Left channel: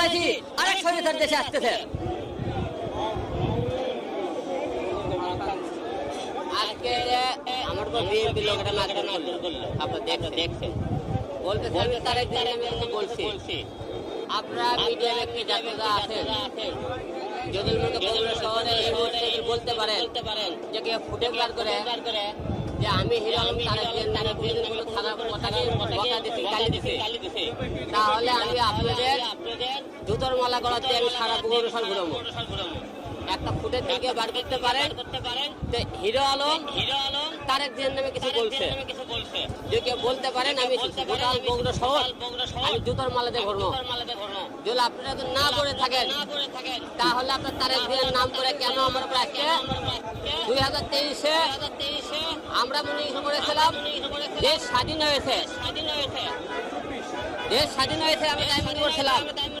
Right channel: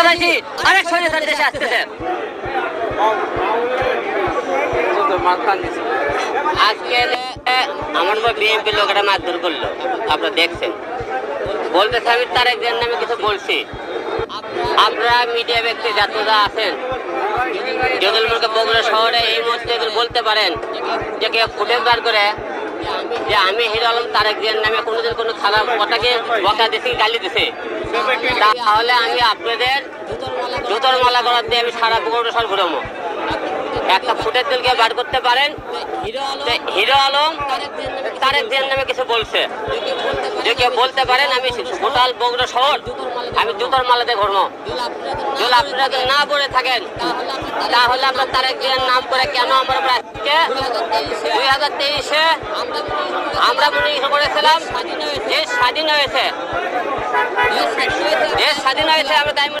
সন্ত্রাসী আরেক স্বৈরাচার দেশে আসতেছে। আজকে আমার পর বিএনপি লোকেরা মারধর করলো, আপনারা দেখছেন। বলতেছে আমি তারেক জিয়ার নামে কিছু বলছি। আপনারা মিডিয়া ব্যক্তি যারা আছেন, যদি বগুড়া শহরে এই মুহূর্তে বলতে পারেন যে কেউ ফুটেজ বার করে যে আমি হিরো আলম তারেক জিয়ার নামে কোনোদিন কোনো খারাপ কথাকে বকা দিছি, গালি দিছি, তাহলে আমি আপনাদের জুতোর মালা করার দিয়ে আমি সারা বগুড়া শহর ঘুরাবো। একটা ফুটেজ দিলকে বার করতে পারেন হিরো আলম তারেক জিয়ার নামে কিছু বলছে, যে বলতে পারেন আমি টোটাল বগুড়া শহর আমি জুতোর মালাতে ঘুরবো। আপনারা না বলে থাকেন তাহলে আপনার তারেক জিয়ার নাম করে কেন আমরা আজকে 2023-এ আমরা মনে করেছিলাম স্বাধীন হয়েছে, দেশ স্বাধীন হয়েছে আমরা তাই